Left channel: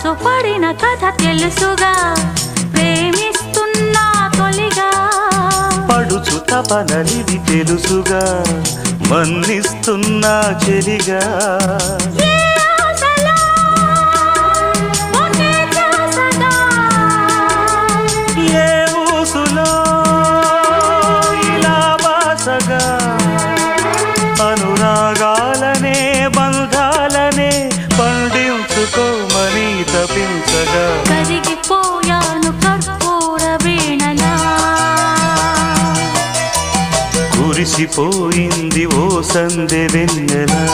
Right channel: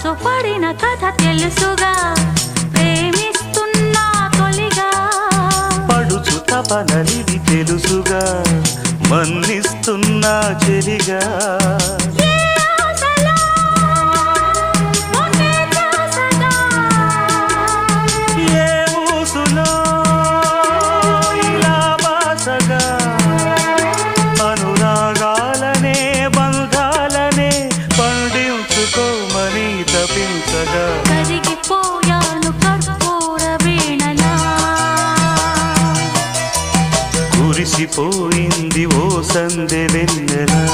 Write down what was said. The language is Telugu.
మనసు పడిన కథ తెలుసుగా, ప్రేమిస్తున్నా తొలిగా. పడుచు తపనలిది తెలుసుగా, మన్నిస్తున్నా చెలిగా. ఏ ఊసులో ఇలా బాసగా, అనురాగాలనే బంధాలనే పండించుకోమని తపించగా. కరిగిపోయాను కర్పూర వీణలా, కురిసిపోయింది ఓ సందె వెన్నెలా.